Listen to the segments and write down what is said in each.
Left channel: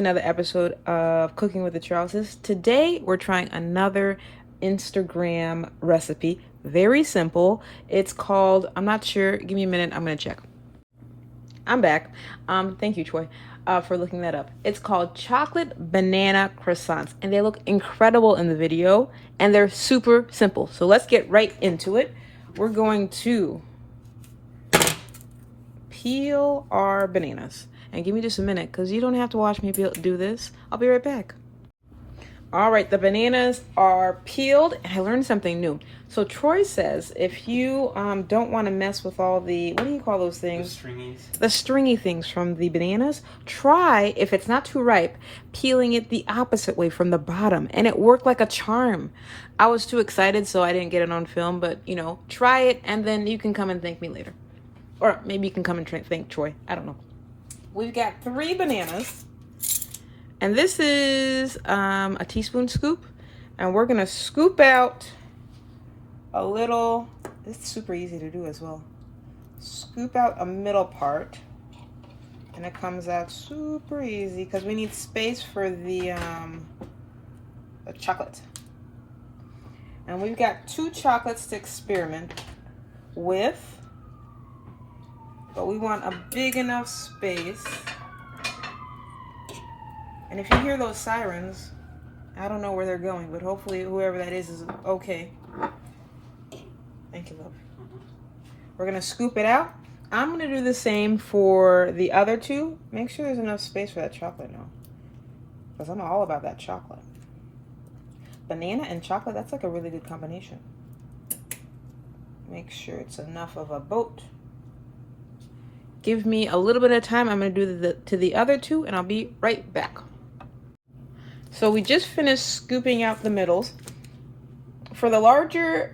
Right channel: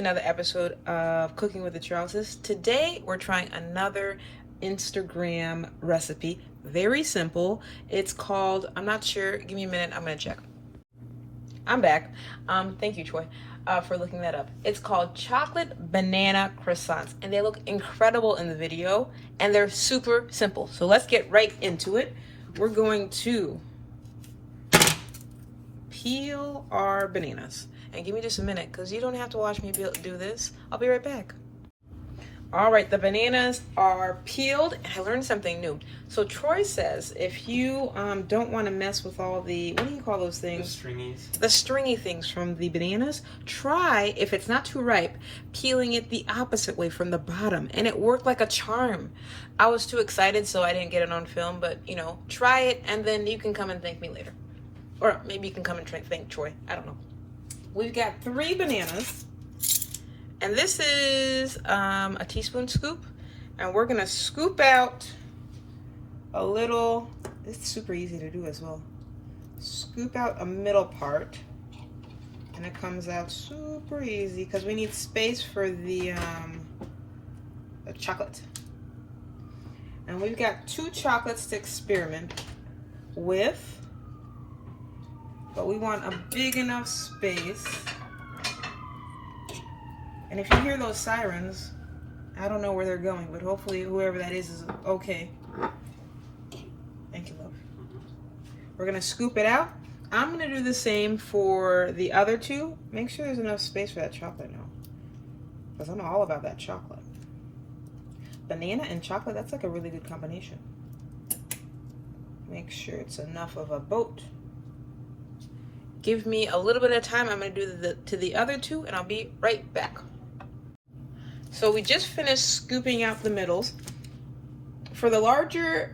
to another episode of Cooking with the Charleses. Today we're trying another Instagram recipe. Very simple. It's called, I'm not sure, give me a minute, I'm gonna check. I'm back. Thank you, Troy, for looking that up. It's called chocolate banana croissants, and they look incredible in the video, and they're super simple. So let's get right into it. We're going to peel our bananas. And give me just a minute, because you don't have to watch me do this. I'll be right back. All right, the bananas are peeled. I learned something new. So Troy says if you don't want to mess with all the, what do you call those things? The stringies. The stringy things from the bananas. Try, if it's not too ripe, peeling it the opposite way from the bottom. And it worked like a charm. I was too excited, so I didn't get it on film. But, you know, try it, and then you can come and thank me later. Or maybe you can come and thank Troy. I don't know. We've got 3 bananas, and this is a teaspoon scoop, and we're gonna scoop out a little, it's super easy to do as well. Scoop out a middle part, and it comes out super easy because we need space for the chocolate. And we've got 2 chocolates to experiment with. But we want a big enough space. And if you hear those sirens, I don't know where they're going, but hopefully whoever that is okay. Thank you, love. We're gonna scoop it out. I'm gonna do the same for the other 2. Make sure there's enough space for that chocolate now, because I'm all about that chocolate. Banana and chocolate, that's like a really good combination. Make sure it's enough of a boat. Give me a little bit of time. I'm going to do to the other 2, and I'll be right back. So we just finished scooping out the middles. For the larger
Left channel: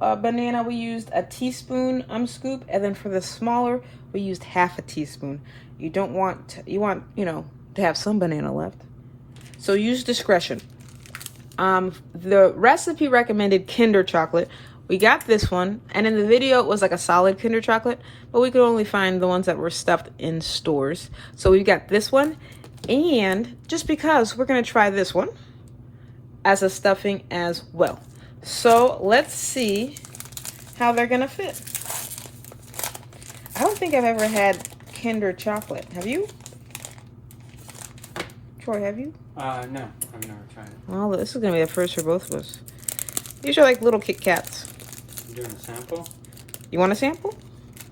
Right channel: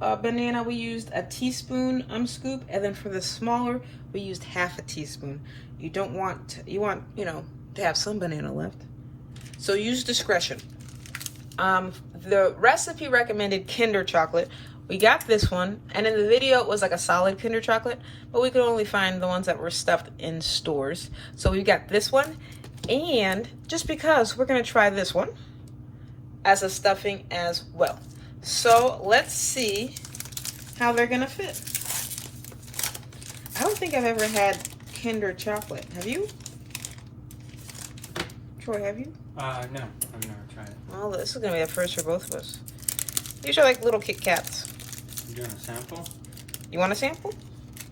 banana, we used a teaspoon scoop, and then for the smaller, we used half a teaspoon. You don't want, you want, you know, to have some banana left. So use discretion. The recipe recommended Kinder chocolate. We got this one, and in the video it was like a solid Kinder chocolate, but we could only find the ones that were stuffed in stores. So we've got this one, and just because we're gonna try this one as a stuffing as well. So let's see how they're gonna fit. I don't think I've ever had Kinder chocolate. Have you? Troy, have you? No, I've never tried it. Oh, this is gonna be the first for both of us. These are like little Kit Kats. You doing a sample? You want a sample?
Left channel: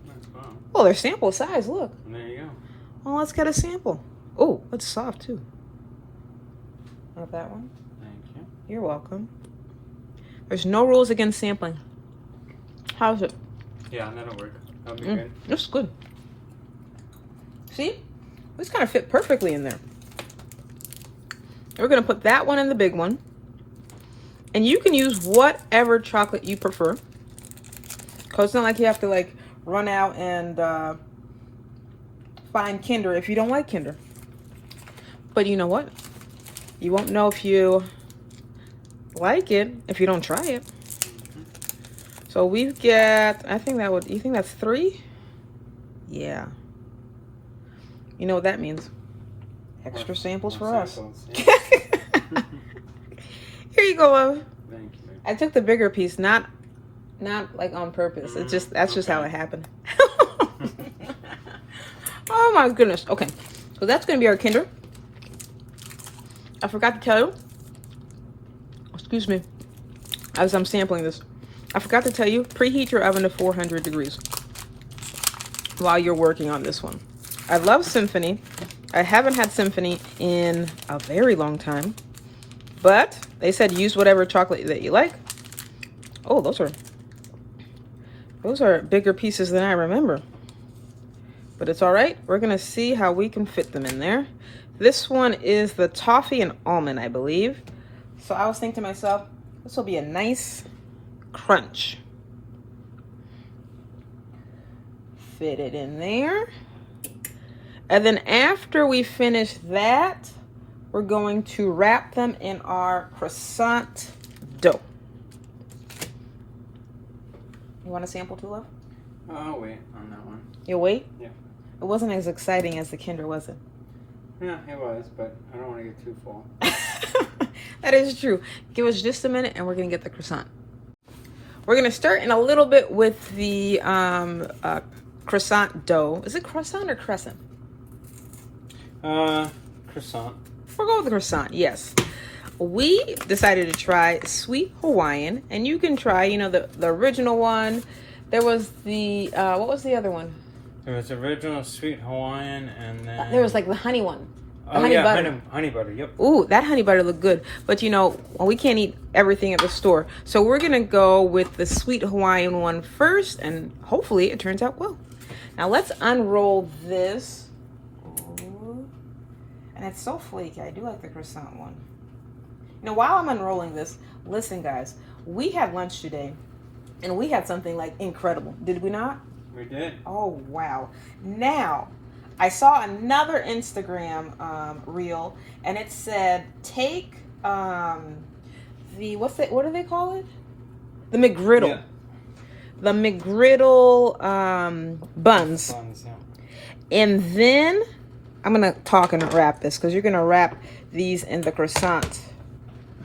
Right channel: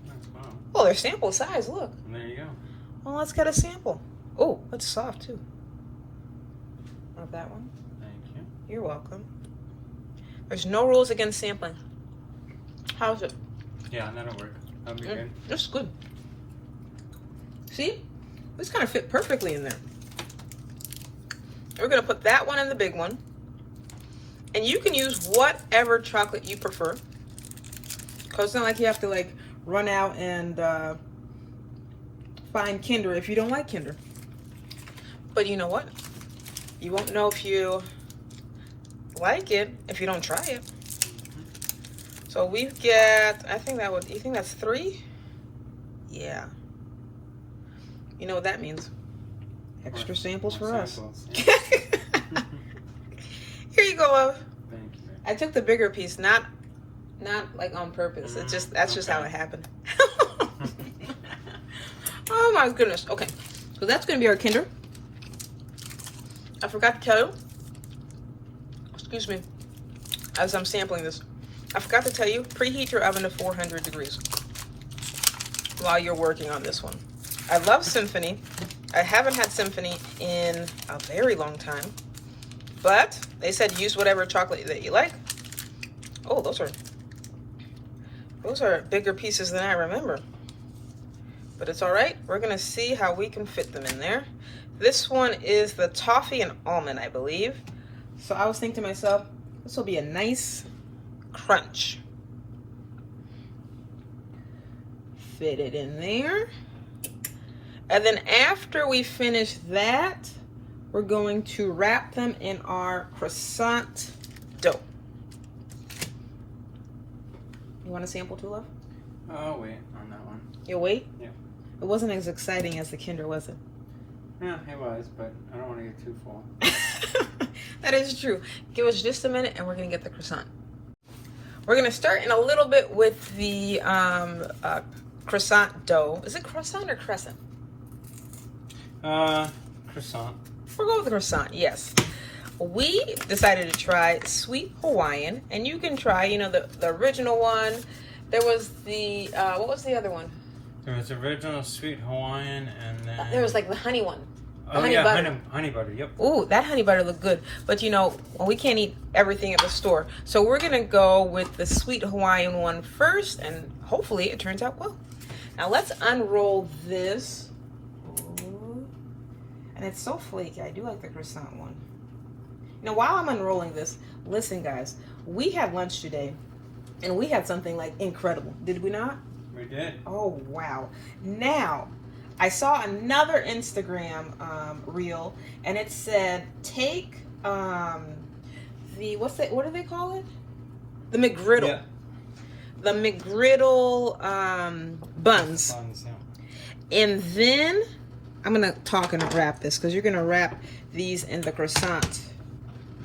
That's fine. Oh, they're sample size, look. And there you go. Oh, let's get a sample. Oh, it's soft too. Have that one? Thank you. You're welcome. There's no rules against sampling. How's it? Yeah, that'll work. That'll be good. It's good. See? This kind of fit perfectly in there. We're gonna put that one in the big one. And you can use whatever chocolate you prefer. Because it's not like you have to like run out and find Kinder if you don't like Kinder. But you know what? You won't know if you like it if you don't try it. So we've got, I think that would, you think that's 3? Yeah. You know what that means. Extra samples for us. Yeah. Here you go, love. Thank you. I took the bigger piece, not like on purpose. It's just, that's just how it happened. Oh my goodness. Okay, so that's gonna be our Kinder. I forgot to tell you, excuse me, as I'm sampling this, I forgot to tell you, preheat your oven to 400 degrees while you're working on this one. I love Symphony. I haven't had Symphony in a very long time, but they said use whatever chocolate that you like. Oh, those are bigger pieces than I remember. But it's all right. We're gonna see how we can fit them in there. This one is the toffee and almond, I believe. So I was thinking to myself, this will be a nice crunch. Fit it in there. And then after we finish that, we're going to wrap them in our croissant dough. You want a sample too, love? Oh, wait on that one. You wait? Yeah. It wasn't as exciting as the Kinder, was it? Yeah, it was, but I don't want to get too full. That is true. Give us just a minute and we're going to get the croissant. We're going to start in a little bit with the croissant dough. Is it croissant or crescent? Croissant. We'll go with the croissant, yes. We decided to try sweet Hawaiian, and you can try, you know, the original one. There was the, what was the other one? There was original sweet Hawaiian, and then... There was like the honey one. Oh, honey yeah, butter. honey butter, yep. Ooh, that honey butter looked good. But, you know, we can't eat everything at the store. So we're going to go with the sweet Hawaiian one first, and hopefully it turns out well. Now, let's unroll this. Ooh. And it's so flaky. I do like the croissant one. Now, while I'm unrolling this, listen, guys. We had lunch today, and we had something, like, incredible. Did we not? We did. Oh, wow. Now, I saw another Instagram reel, and it said, take what do they call it? The McGriddle. Yeah. The McGriddle buns. Yeah. And then, I'm going to talk and wrap this, because you're going to wrap these in the croissant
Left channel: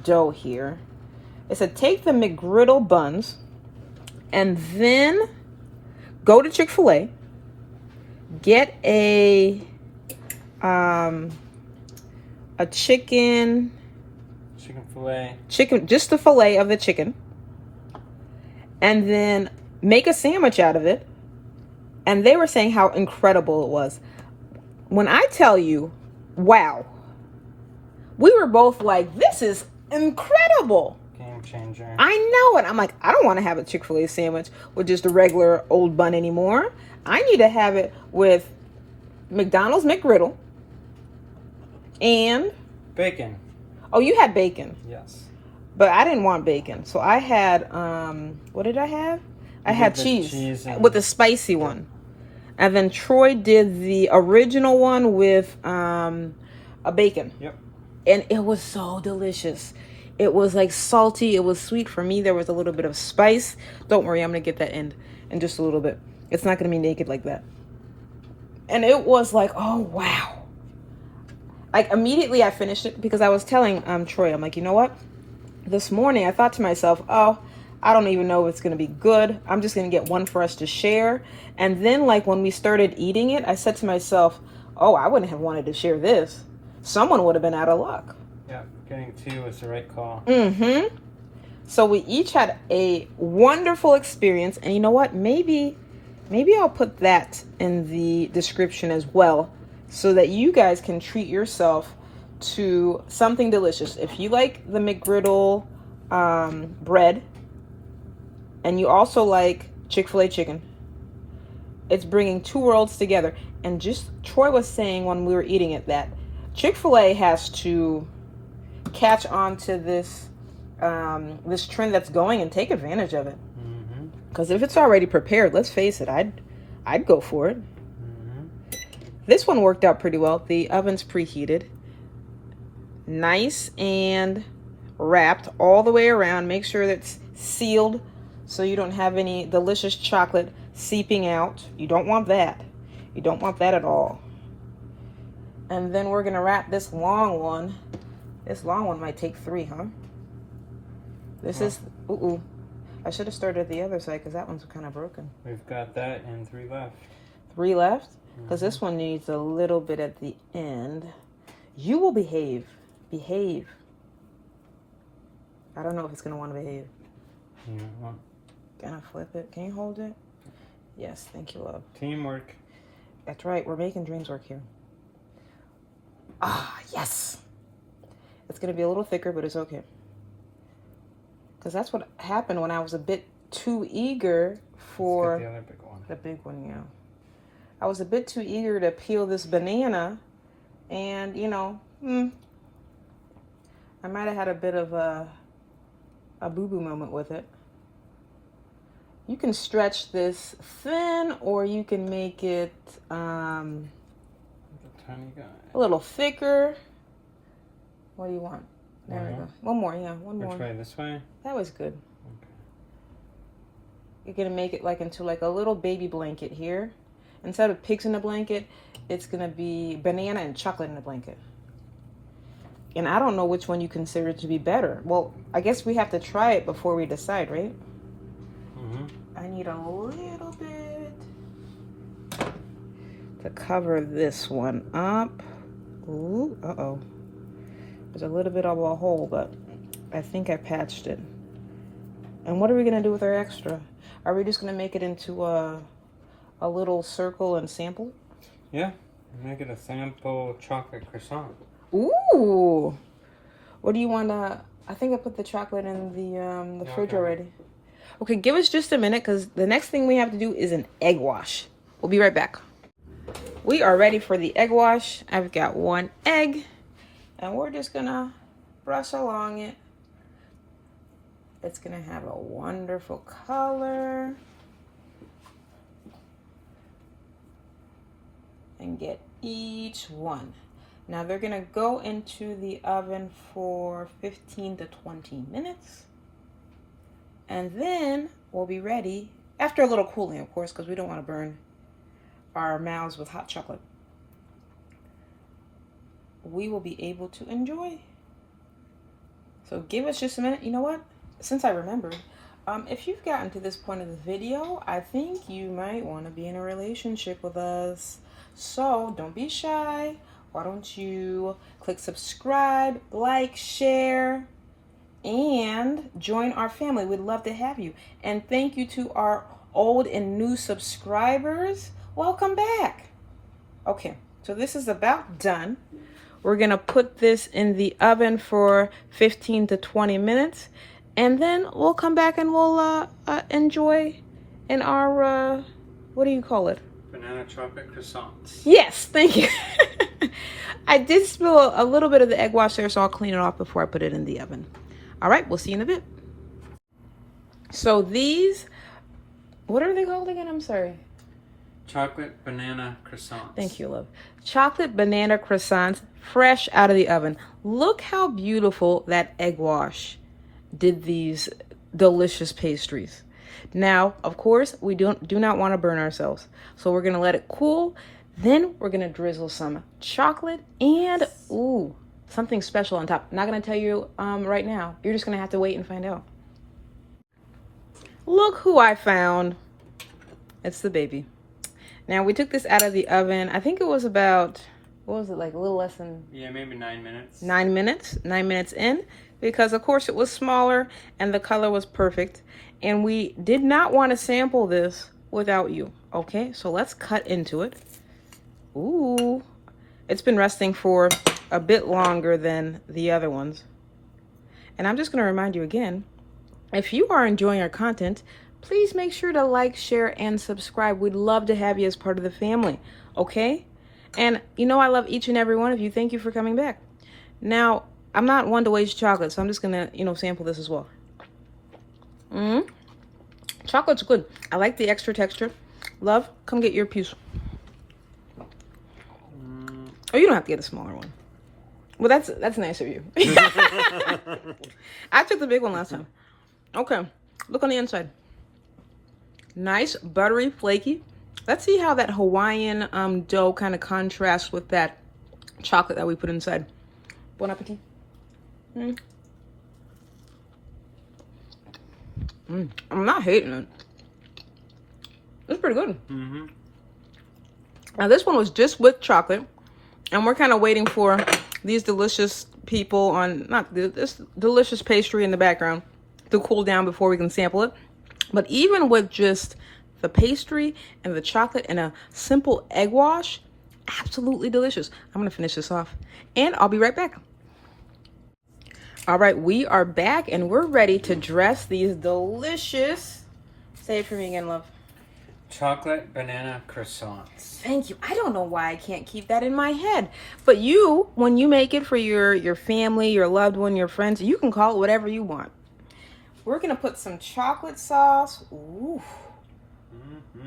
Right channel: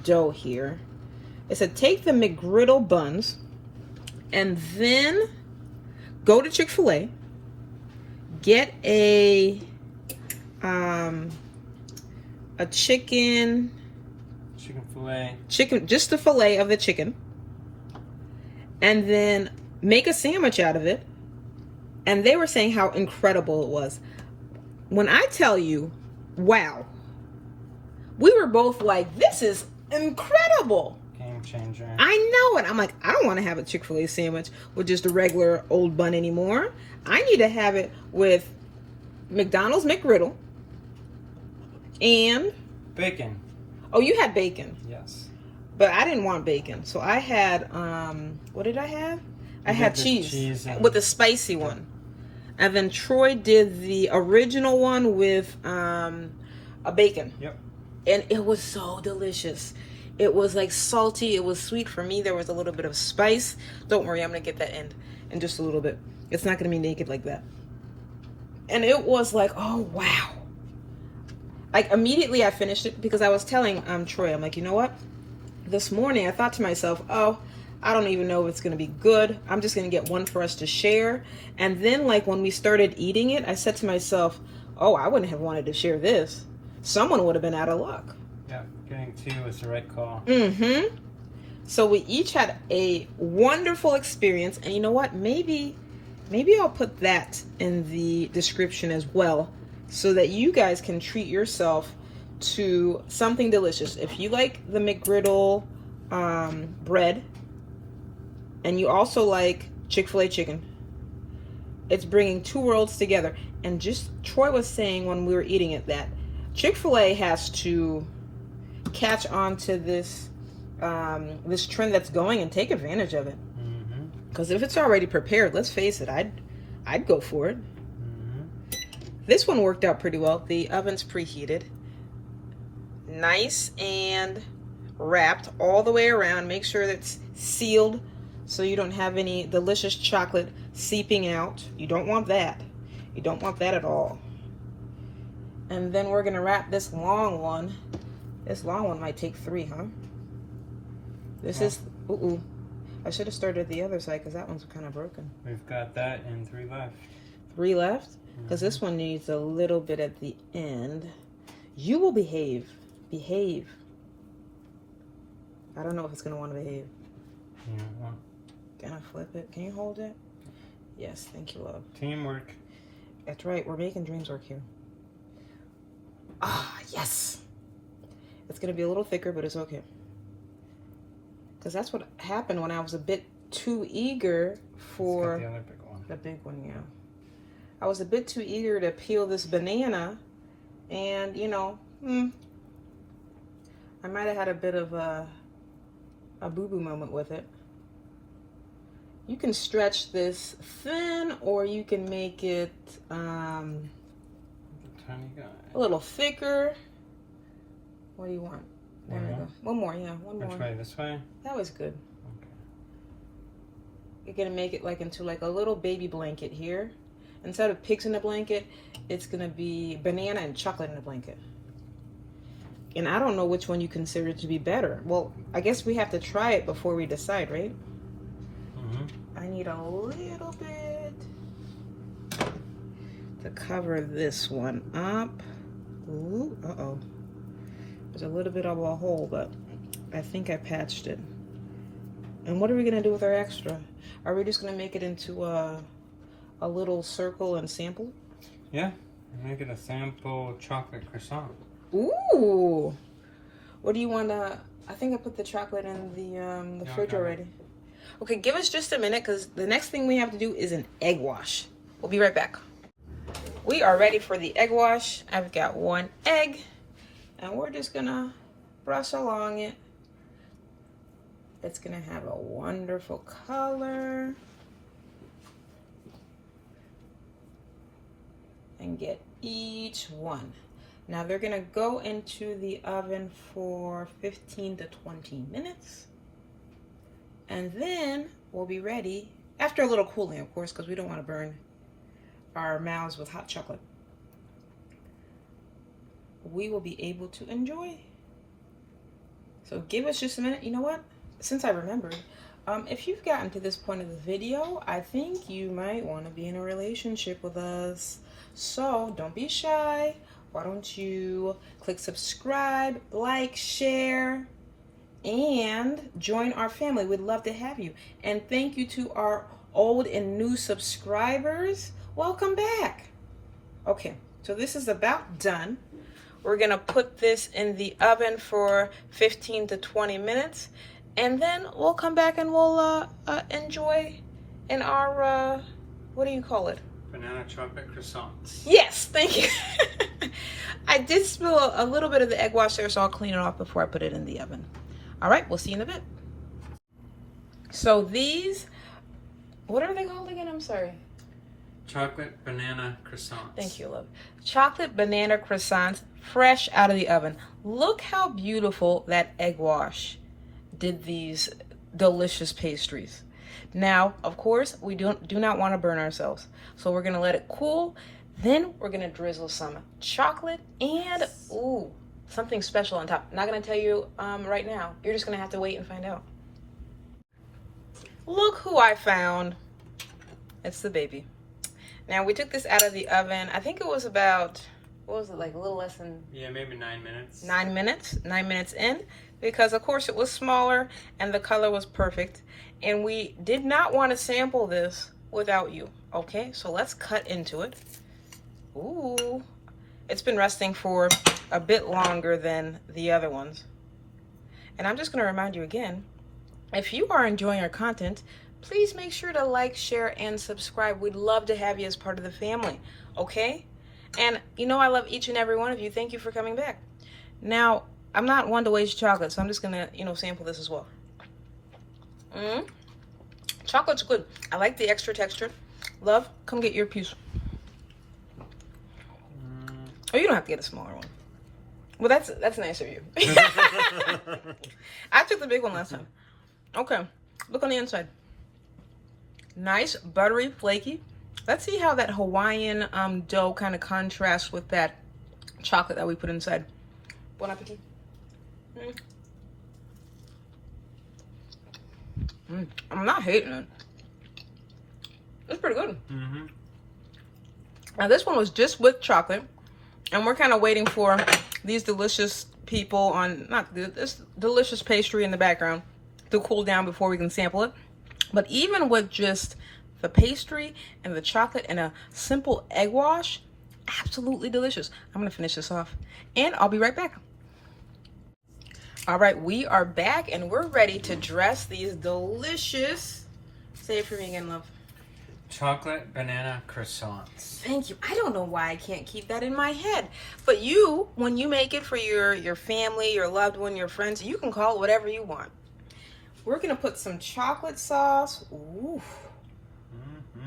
dough here. It said, take the McGriddle buns, and then go to Chick-fil-A, get a chicken Fillet. Just the fillet of the chicken, and then make a sandwich out of it. And they were saying how incredible it was. When I tell you, wow, we were both like, this is incredible. Game changer. I know it. I'm like, I don't want to have a Chick-fil-A sandwich with just a regular old bun anymore. I need to have it with McDonald's McGriddle and bacon. Oh, you had bacon. Yes. But I didn't want bacon. So I had what did I have? I had cheese with the spicy one. And then Troy did the original one with a bacon. Yep. And it was so delicious. It was like salty. It was sweet. For me, there was a little bit of spice. Don't worry, I'm going to get that in just a little bit. It's not going to be naked like that. And it was like, oh, wow. Like, immediately I finished it because I was telling Troy, I'm like, you know what? This morning I thought to myself, oh, I don't even know if it's going to be good. I'm just going to get one for us to share. And then, like, when we started eating it, I said to myself, oh, I wouldn't have wanted to share this. Someone would have been out of luck. Yeah, getting two was the right call. Mm-hmm. So we each had a wonderful experience. And you know what? Maybe I'll put that in the description as well, so that you guys can treat yourself to something delicious. If you like the McGriddle bread, and you also like Chick-fil-A chicken, it's bringing two worlds together. And just Troy was saying when we were eating it that Chick-fil-A has to catch on to this this trend that's going and take advantage of it. Because if it's already prepared, let's face it, I'd go for it. This one worked out pretty well. The oven's preheated. Nice and wrapped all the way around. Make sure that's sealed so you don't have any delicious chocolate seeping out. You don't want that. You don't want that at all. And then we're going to wrap this long one. This long one might take 3, huh? This is... Ooh. I should have started at the other side because that one's kind of broken. We've got that and 3 left. 3 left? Because this one needs a little bit at the end. You will behave. Behave. I don't know if it's going to want to behave. Gonna flip it. Can you hold it? Yes, thank you, love. Teamwork. That's right. We're making dreams work here. Ah, yes. It's going to be a little thicker, but it's okay. Because that's what happened when I was a bit too eager for the other big one. The big one, yeah. I was a bit too eager to peel this banana, and you know, I might have had a bit of a boo-boo moment with it. You can stretch this thin, or you can make it Tiny guy. a little thicker. What do you want? There we One more? go. One more, yeah, one more. Which way? This way? That was good. Okay. You're gonna make it like into like a little baby blanket here. Instead of pigs in a blanket, it's gonna be banana and chocolate in a blanket. And I don't know which one you consider to be better. Well, I guess we have to try it before we decide, right? I need a little bit to cover this one up. Ooh, uh-oh. There's a little bit of a hole, but I think I patched it. And what are we gonna do with our extra? Are we just gonna make it into a little circle and sample? Yeah, make it a sample chocolate croissant. Ooh! What do you want to... I think I put the chocolate in the fridge already. Okay, give us just a minute because the next thing we have to do is an egg wash. We'll be right back. We are ready for the egg wash. I've got 1 egg and we're just going to brush along it. It's going to have a wonderful color. And get each one. Now they're gonna go into the oven for 15 to 20 minutes. And then we'll be ready, after a little cooling of course, because we don't want to burn our mouths with hot chocolate. We will be able to enjoy. So give us just a minute. You know what? Since I remembered, if you've gotten to this point of the video, I think you might want to be in a relationship with us. So don't be shy. Why don't you click subscribe, like, share, and join our family. We'd love to have you. And thank you to our old and new subscribers. Welcome back. Okay, so this is about done. We're gonna put this in the oven for 15 to 20 minutes. And then we'll come back and we'll enjoy in our, what do you call it? Banana chocolate croissants. Yes, thank you. I did spill a little bit of the egg wash there, so I'll clean it off before I put it in the oven. All right, we'll see you in a bit. So these, what are they called again? I'm sorry. Chocolate banana croissants. Thank you, love. Chocolate banana croissants, fresh out of the oven. Look how beautiful that egg wash did these delicious pastries. Now, of course, we do not want to burn ourselves. So we're going to let it cool. Then we're going to drizzle some chocolate and, ooh, something special on top. I'm not going to tell you right now. You're just going to have to wait and find out. Look who I found. It's the baby. Now, we took this out of the oven. I think it was about, what was it, like a little less than... Yeah, maybe 9 minutes. 9 minutes. 9 minutes in. Because, of course, it was smaller and the color was perfect. And we did not want to sample this without you. Okay, so let's cut into it. Ooh. It's been resting for a bit longer than the other ones. And I'm just going to remind you again, if you are enjoying our content, please make sure to like, share, and subscribe. We'd love to have you as part of the family, okay? And you know I love each and every one of you. Thank you for coming back. Now, I'm not one to waste chocolate, so I'm just going to, sample this as well. Chocolate's good. I like the extra texture. Love, come get your piece. Oh, you don't have to get a smaller one. Well, that's nice of you. I took the big one last time. Okay, look on the inside. Nice, buttery, flaky. Let's see how that Hawaiian dough kind of contrasts with that chocolate that we put inside. Bon appetit. I'm not hating it. It's pretty good. Now this one was just with chocolate, and we're kind of waiting for these delicious people on, this delicious pastry in the background to cool down before we can sample it. But even with just the pastry and the chocolate and a simple egg wash, absolutely delicious. I'm gonna finish this off and I'll be right back. All right, we are back and we're ready to dress these delicious, say it for me again, love. Chocolate banana croissants. Thank you. I don't know why I can't keep that in my head. But you, when you make it for your family, your loved one, your friends, you can call it whatever you want. We're going to put some chocolate sauce. Ooh.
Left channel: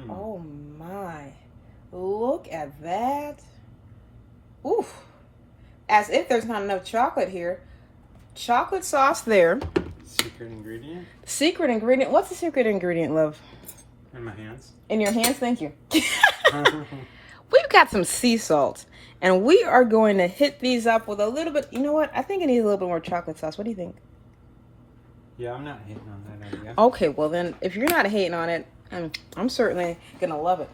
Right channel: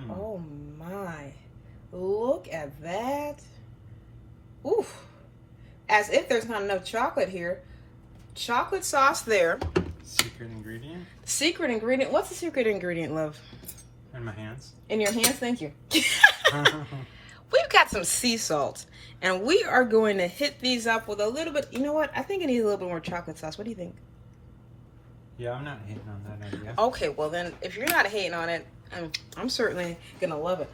Oh my. Look at that. Ooh. As if there's not enough chocolate here. Chocolate sauce there. Secret ingredient? Secret ingredient. What's the secret ingredient, love? In my hands. In your hands? Thank you. We've got some sea salt, and we are going to hit these up with a little bit. You know what? I think it needs a little bit more chocolate sauce. What do you think? Yeah, I'm not hating on that idea. Okay, well then, if you're not hating on it, I'm certainly gonna love it.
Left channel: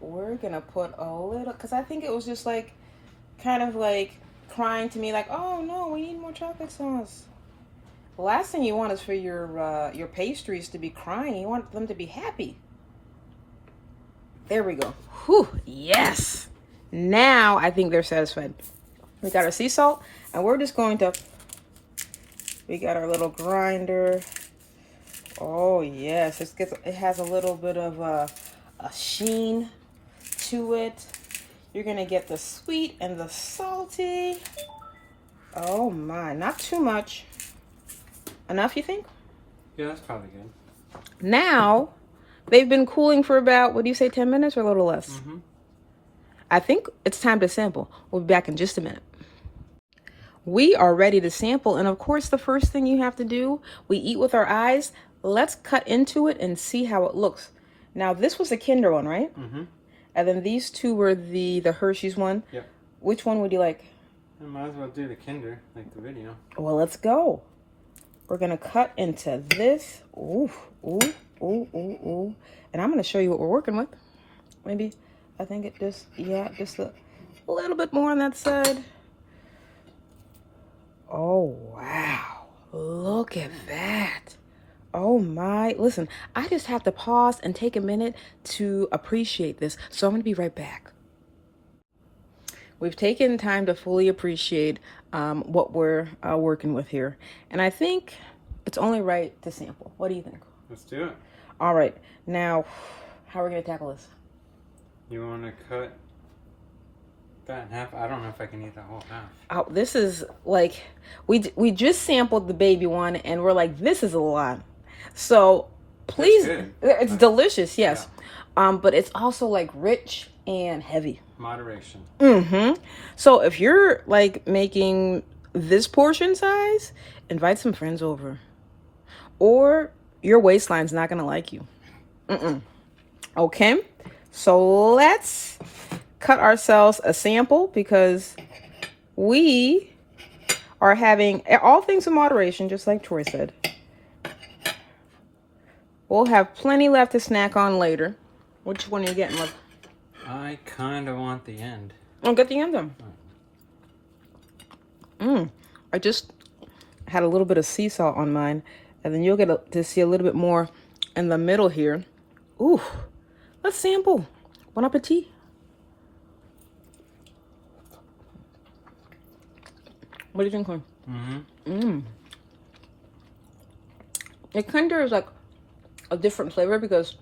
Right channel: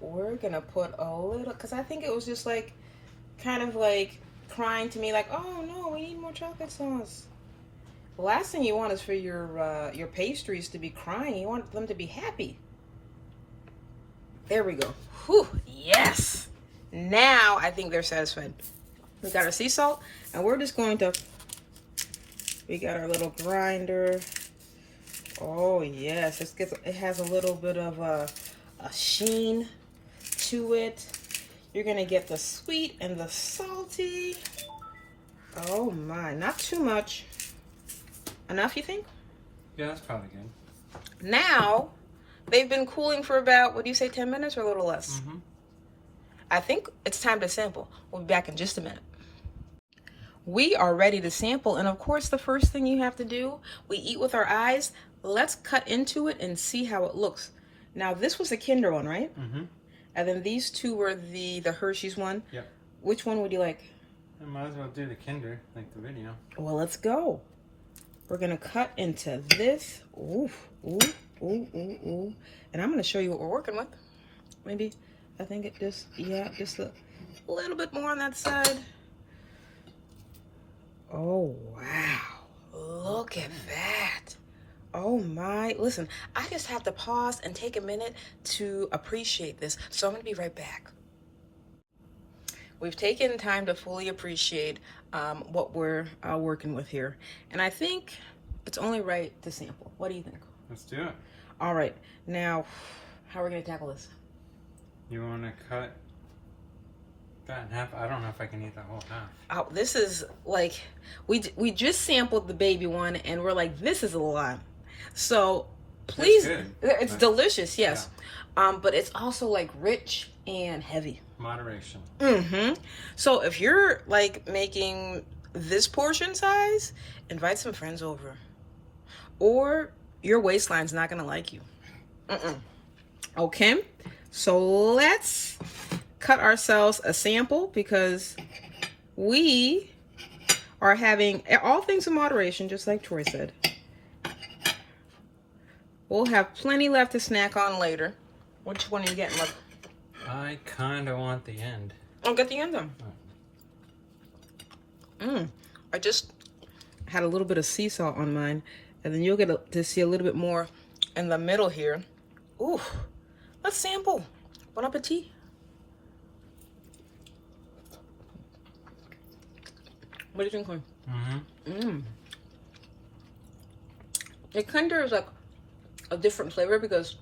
We're gonna put a little, because I think it was just like, kind of like crying to me, like, oh no, we need more chocolate sauce. The last thing you want is for your pastries to be crying. You want them to be happy. There we go. Whew, yes. Now I think they're satisfied. We got our sea salt, and we're just going to, we got our little grinder. Oh yes, it has a little bit of a sheen to it. You're gonna get the sweet and the salty. Oh my, not too much. Enough, you think? Yeah, that's probably good. Now, they've been cooling for about, what do you say, 10 minutes or a little less? Mm-hmm. I think it's time to sample. We'll be back in just a minute. We are ready to sample, and of course, the first thing you have to do, we eat with our eyes. Let's cut into it and see how it looks. Now, this was a Kinder one, right? Mm-hmm. And then these two were the Hershey's one. Yep. Which one would you like? I might as well do the Kinder, like the video. Well, let's go. We're gonna cut into this. Ooh, ooh, ooh, ooh, ooh. And I'm gonna show you what we're working with. Maybe, I think it just, yeah, just a little bit more on that side. Oh, wow. Look at that. Oh my, listen, I just have to pause and take a minute to appreciate this. So I'm gonna be right back. We've taken time to fully appreciate what we're working with here. And I think it's only right to sample. What do you think? Let's do it. All right, now, how are we gonna tackle this? You wanna cut that in half? I don't know if I can eat that whole half. Oh, this is like, we just sampled the baby one and we're like, this is a lot. So please, it's delicious, yes. Yeah. But it's also like rich and heavy. Moderation. Mm-hmm. So if you're like making this portion size, invite some friends over. Or your waistline's not gonna like you. Okay, so let's cut ourselves a sample because we are having all things in moderation, just like Troy said. We'll have plenty left to snack on later. Which one are you getting up? I kind of want the end. I'll get the end then. I just had a little bit of sea salt on mine, and then you'll get to see a little bit more in the middle here. Ooh, let's sample. Bon appetit. What do you think, Corn? The Kinder is like a different flavor because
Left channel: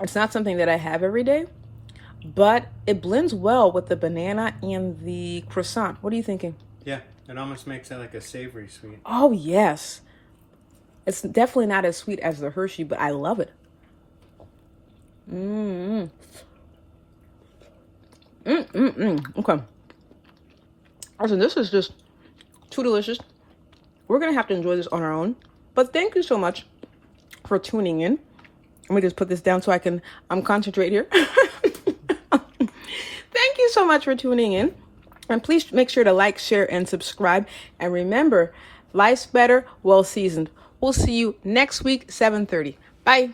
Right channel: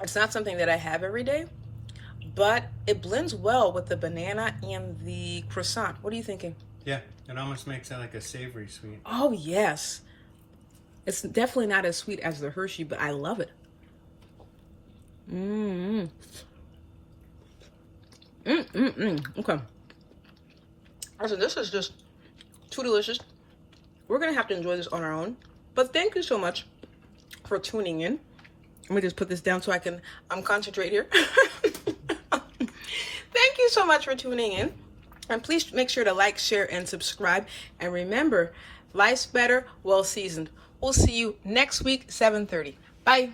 it's not something that I have every day, but it blends well with the banana and the croissant. What are you thinking? Yeah, it almost makes it like a savory sweet. Oh, yes. It's definitely not as sweet as the Hershey, but I love it. Okay. So this is just too delicious. We're going to have to enjoy this on our own. But thank you so much for tuning in. Let me just put this down so I can concentrate here. Thank you so much for tuning in. And please make sure to like, share, and subscribe. And remember, life's better, well seasoned. We'll see you next week, 7:30. Bye.